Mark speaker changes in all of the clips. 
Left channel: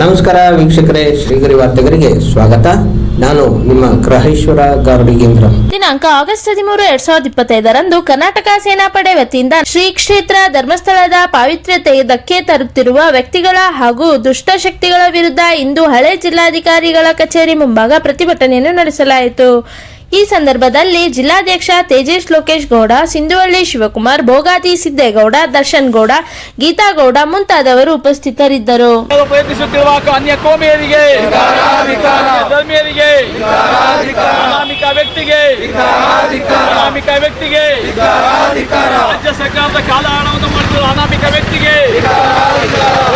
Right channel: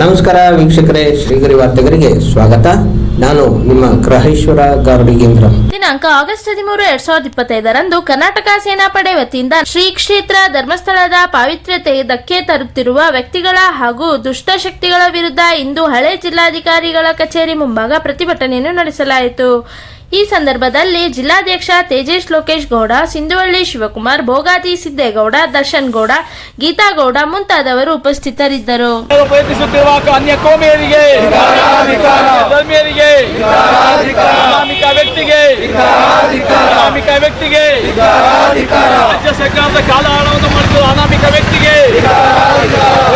Speaker 1: ನಮಸ್ಕಾರ ವೀಕ್ಷಕರೇ, ಶ್ರೀಗರಿ ವಾರ್ತೆಗರಿಗೆ ಸ್ವಾಗತ. ನಾನು ನಿಮ್ಮ ಗ್ರಹೇಶ್ವರ ಗಾರ್ಡಿಗೇಂದ್ರ
Speaker 2: ದಿನಾಂಕ ಆಗಸ್ಟ್ ಹದಿಮೂರು, ಎರಡ್ ಸಾವಿರದ ಇಪ್ಪತ್ತೈದರಂದು ಕರ್ನಾಟಕ ಸೇನಾಪಡೆ ವತಿಯಿಂದ ಶ್ರೀ ಕ್ಷೇತ್ರ ಧರ್ಮಸ್ಥಳದ ಪಾವಿತ್ರ್ಯತೆ ಧಕ್ಕೆ ತರುತ್ತಿರುವ ವ್ಯಕ್ತಿಗಳ ಹಾಗೂ ದುಷ್ಟಶಕ್ತಿಗಳ ವಿರುದ್ಧ ಇಂದು ಹಳೆ ಜಿಲ್ಲಾಧಿಕಾರಿಗಳ ಕಚೇರಿ ಮುಂಭಾಗ ಪ್ರತಿಭಟನೆಯನ್ನು ನಡೆಸಲಾಯಿತು. ಈ ಸಂದರ್ಭದಲ್ಲಿ ಜಿಲ್ಲಾಧ್ಯಕ್ಷ ತೇಜೇಶ್ ಲೋಕೇಶ್ ಗೌಡ, ಸಿಂಧುವಳ್ಳಿ ಶಿವಕುಮಾರ್ ಭೋಗಾದಿ ಸಿದ್ದೇಗೌಡ, ದರ್ಶನ್ ಗೌಡ, ಗೀತಾ ಗೌಡ ಮುಂತಾದವರು ಉಪಸ್ಥಿತರಿದ್ದರು.
Speaker 3: ಅನಾಮಿಕ ವ್ಯಕ್ತಿಗೆ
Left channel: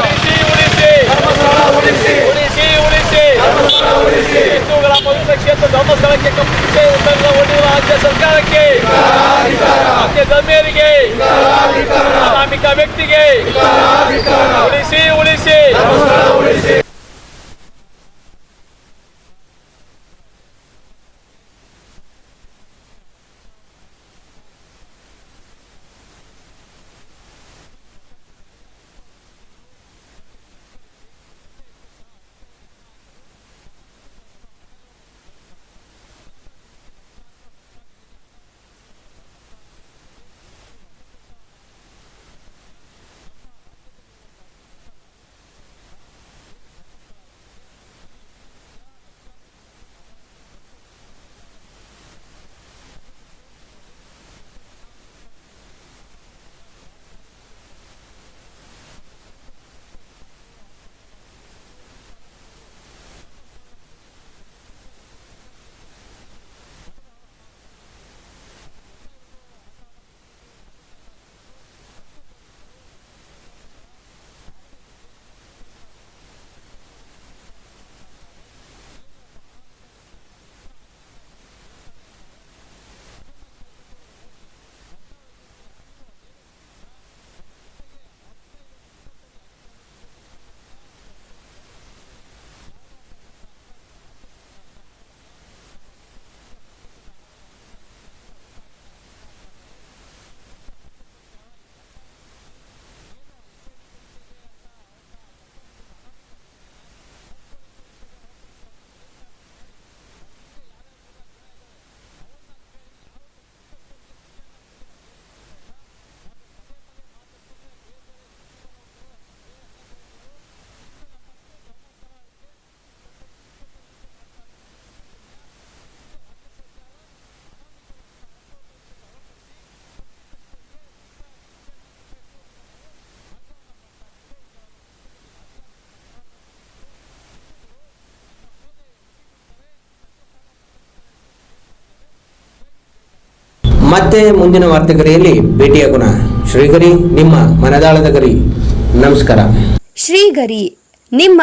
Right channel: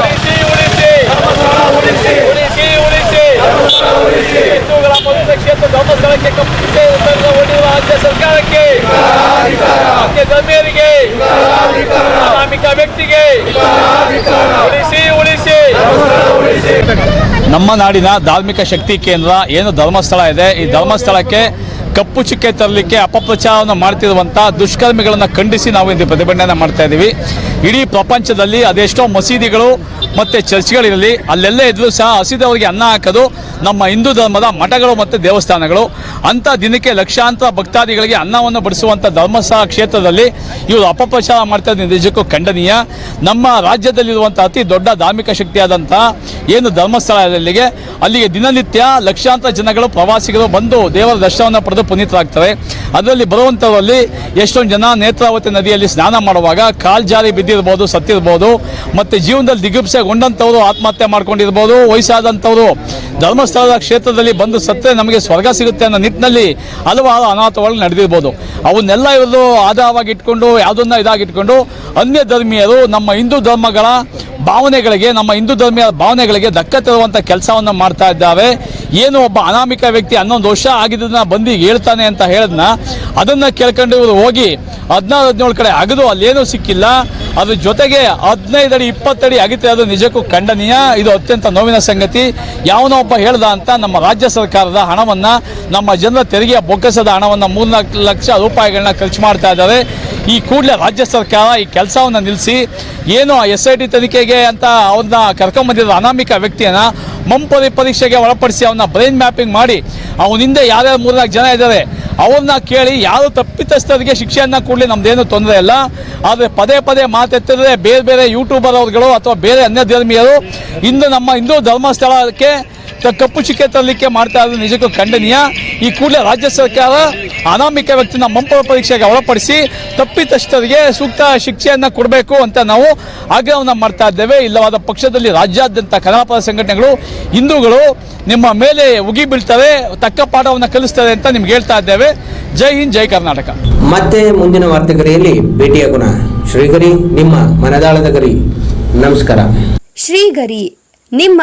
Speaker 3: ಉಳಿಸಿ ಉಳಿಸಿ ಉಳಿಸಿ ಉಳಿಸಿ ಹಿಂದೂಗಳ ಕ್ಷೇತ್ರ ಧರ್ಮಸ್ಥಳಕ್ಕೆ ಕಪ್ಪಿಗೆ ಹೊಡೆಯುವ ರಾಜ್ಯ ಸರ್ಕಾರಕ್ಕೆ. ಅನ್ಯ ಗಣ್ಯರಿಗೆ. ಅನಾಮಿಕ ವ್ಯಕ್ತಿಗೆ. ಉಳಿಸಿ ಉಳಿಸಿ. ನಮ್ಮ ನಾಡಿನ ಧಾರ್ಮಿಕ ಶಕ್ತಿ ಕೇಂದ್ರ ಏನು ಧರ್ಮಸ್ಥಳ ಇದೆ? ಈ ಧರ್ಮಸ್ಥಳಕ್ಕೆ ಕಪ್ಪು ಚುಕ್ಕೆ ತರಲಿಕ್ಕೆ ಅಪಪ್ರಚಾರವನ್ನು ಮಾಡ್ತಿರುವಂಥ ದುಷ್ಕರ್ಮಿಗಳನ್ನು ಖಂಡಿಸಿ ನಾವು ಇಂದು ಪ್ರತಿಭಟನೆ ಮಾಡ್ತಾ ಇದ್ದೀವಿ. ಇಡೀ ಪ್ರಪಂಚದಲ್ಲಿ ಅದೆಷ್ಟೋ ಮಸೀದಿಗಳು ಮತ್ತು ಚರ್ಚ್ಗಳಿರಲಿ, ಅಲ್ಲೆಲ್ಲ ಇದ್ರೂ ಸಹ ಹಸಿದವರಿಗೆ ಅನ್ನ ಹಾಕೋದು ನಮ್ಮ ಹಿಂದೂ ಧರ್ಮದ ಮಠಗಳು ಮತ್ತು ದೇವಸ್ಥಾನಗಳು. ಅಂಥ ದಿನಕ್ಕೆ ಲಕ್ಷಾಂತರ ಭಕ್ತಾದಿಗಳಿಗೆ ಅನ್ನವನ್ನು ಬಡಿಸುವಂಥ ಧರ್ಮಸ್ಥಳ ಕ್ಷೇತ್ರದಲ್ಲಿ ಇವರು ಅಪಪ್ರಚಾರ ಮಾಡ್ತಾ ಇದ್ದ ನಿಜಕ್ಕೂ ಖಂಡನೀಯ. ನಮ್ಮ ರಾಜ್ಯದಲ್ಲಿರುವಂಥ ಅತಿ ದೊಡ್ಡ ಧಾರ್ಮಿಕ ಶಕ್ತಿಯಾದಂಥ ಏನು ಧರ್ಮಸ್ಥಳ ಅಲ್ಲಿಗೆ ದಿನನಿತ್ಯ ಲಕ್ಷಾಂತರ ಜನಗಳು, ಪ್ರವಾಸಿಗರು ಬಂದು ದೇವರ ದರ್ಶನವನ್ನು ಪಡೆದು ಪುನೀತರಾಗ್ತಾರೆ ಅದರಲ್ಲಿ ಬರುವಂಥವರಲ್ಲಿ ಎಷ್ಟೊಂದು ಜನ ನೇತ್ರಾವತಿ ನದಿಯಲ್ಲಿ ಸ್ನಾನ ಮಾಡುವಾಗ ಕಾಲ್ ಜಾರಿ ಬಿದ್ದಿರ್ಬೋದು, ಸತ್ತಿರ್ಬೋದು, ಮತ್ತು ಜೀವನದಲ್ಲಿ ದಿಗುಪ್ಸೆಗೊಂಡಂಥವ್ರು ಆತ್ಮಹತ್ಯೆ ಮಾಡ್ಕೊಂಡಿರ್ಬೋದು ವಯಸ್ಸಾದಂಥವರು ಧರ್ಮಸ್ಥಳದ ಕ್ಷೇತ್ರದಲ್ಲಿ ಬಂದು ಸತ್ತರೆ ನಮಗೆ ಸ್ವರ್ಗ ಸಿಗುತ್ತೆ ಅನ್ನೋ ನಿಟ್ಟಿನಲ್ಲಿ ಹಲವಾರು ಅನಾಥಗಳು ನಡೆದಿರ್ಬೋದು. ಅವನ್ನೆಲ್ಲ ಇವರು ಆಧಾರವಾಗಿ ಇಟ್ಕೊಂಡು, ಯಾವುದನ್ನ ಇದಾಗಿಟ್ಕೊಂಡು ಅನ್ಯ ಧರ್ಮೀಯರು ನಮ್ಮ ಹಿಂದೂ ಧರ್ಮಗಳ ಭಾವನೆಗಳಿಗೆ, ನಮ್ಮ ಹಿಂದೂ ಧರ್ಮೀಯ ಭಾವನೆಗಳಿಗೆ ಧಕ್ಕೆ ತರುವಂಥ ಕೆಲಸವನ್ನು ಮಾಡ್ತಾ ಇದ್ದಾವೆ. ಏನು ಒಬ್ಬ ಅನಾಮಿಕ ವ್ಯಕ್ತಿ ಹನ್ನೊಂದು ವರ್ಷ ಆಗಿದ್ದನ್ನ ಬಂದು ಹೇಳ್ತಾನೆ ಅಂತ ಹೇಳಿದ್ನ, ಅದನ್ನು ಕೇಳ್ಕೊಂಡು ಇವರು ಹೋಗಿ ಹದಿನಾರು, ಹದಿನೇಳು ಕಡೆ ಅಗದು ಅಲ್ಲೇನೂ ಸಿಕ್ಕಿಲ್ಲ. ಅದ್ರ ಜೊತೆಗೆ ಹದಿನೈದು ಅಡಿ ಇಪ್ಪತ್ತಡಿ ಅಗಿತೆ ಅದು ನಿಜಕ್ಕೂ ಖಂಡನೀಯ, ಇದು ಅತ್ಯಂತ ನೋವಿನ ಸಂಗತಿ. ಯಾವನೋ ಒಬ್ಬ ಹೇಳ್ದ ಅಂತ ನಮ್ಮ ರಾಜ್ಯ ಸರ್ಕಾರದ ಹಣವನ್ನು, ನಮ್ಮ ಜನರ ತೆರಿಗೆಯ ಬೊಕ್ಕಸದ ಹಣವನ್ನು ಮೂರ್ನಾಲ್ಕು ಲಕ್ಷ ರೂಪಾಯಿಗಳನ್ನ ಖರ್ಚು ಮಾಡ್ತಾ ಇದ್ದಾರೆ. ಈ ಕೂಡಲೇ ರಾಜ್ಯ ಸರ್ಕಾರ ಈ ಕೆಲಸವನ್ನು ನಿಲ್ಲಿಸಿ ಏನು ಎಸ್ ಐ ಟಿ ತನಿಖೆಗೆ ಅಂತ ಅವ್ರನ್ನ ಕರ್ಕೊಂಬಂದಿರೋ ಅನಾಮಿಕ ವ್ಯಕ್ತಿಯನ್ನು ಮಂಪರಿ ಪರೀಕ್ಷೆಗೆ ಒಳಪಡಿಸಿ ಅವನ್ನ ಬ್ರೈನ್ ಮ್ಯಾಪಿಂಗ್ ಮಾಡಿ ಅವನ ಹಿಂದೆ ಯಾರ್ಯಾರು ಮೂರ್ನಾಲ್ಕು ಜನ ಇದ್ದಾರೆ ಅವ್ರನ್ನ ಕೇಳಿ ಯಾರು ತಪ್ಪಿತಸ್ಥರಿಗೆ ಶಿಕ್ಷೆಯನ್ನ ಕೊಡಲಿ ನಮ್ದೇನು ತೊಂದರೆ ಇಲ್ಲ. ಆದರೆ ಪದೇ ಪದೇ ಮಾತೆತ್ತಿದ್ರೆ ಬೇರೆ ಬೇರೆ ಯೂಟ್ಯೂಬರ್ ಅವ್ರುಗಳು ಅಥವಾ ಬೇರೆ ಅನ್ಯ ಧರ್ಮೀಯರು ಇಂದು ನಮ್ಮ ಹಿಂದೂ ಧರ್ಮಸ್ಥಳಕ್ಕೆ ಕಪ್ಪು ಚಿಕ್ಕೆ ತರಲಿಕ್ಕೆ ಮಾಡ್ತಾ ಇರೋದು ನಿಜಕ್ಕೂ ಖಂಡನೀಯ. ಈ ಕೂಡಲೇ ರಾಜ್ಯ ಸರ್ಕಾರ ಅನಾಮಿಕ ವ್ಯಕ್ತಿನ ಮಂಪರ ಪರೀಕ್ಷೆಗೆ ಒಳಪಡಿಸಿ ತಪ್ಪಿತಸ್ಥರಿಗೆ ಸೂಕ್ತ ಶಿಕ್ಷೆಯನ್ನು ಕೊಡಬೇಕು ಅಂತ ನಾವು ಆಗ್ರಹವನ್ನು ಮಾಡ್ತಾ ಇದ್ದೇವೆ. ಇಲ್ಲವಾದ ಪಕ್ಷದಲ್ಲಿ ರಾಜ್ಯಾದ್ಯಂತ ಕಲಾಪದ ಸಂಘಟನೆಗಳು ಹಿಂದೂಗಳು ನಿಮ್ಮ ಮೇಲೆ ಉಗಿ ಬೀಳ್ತವೆ ತಕ್ಕ ಪಾಠವನ್ನು ಕಲಿಸ್ತಾರೆ ಅಂತ ನಿಮ್ಗೆ ಹೇಳ್ತಾ ಇದ್ದೇವೆ. ಜೈ ಹಿಂದ್ ಜೈ ಕರ್ನಾಟಕ.
Speaker 1: ಮತ್ತೆ ಮುಂದಿನ ವಾರ್ತೆಗರಿಯಲ್ಲಿ ಭೇಟಿಯಾಗೋಣ ಶ್ರೀಗರಿ ನಿಮ್ಮ ಮನದಾಳದ ಗರಿ. ನಮಸ್ಕಾರ.
Speaker 4: ಶ್ರೀಗರಿ ನಿಮ್ಮ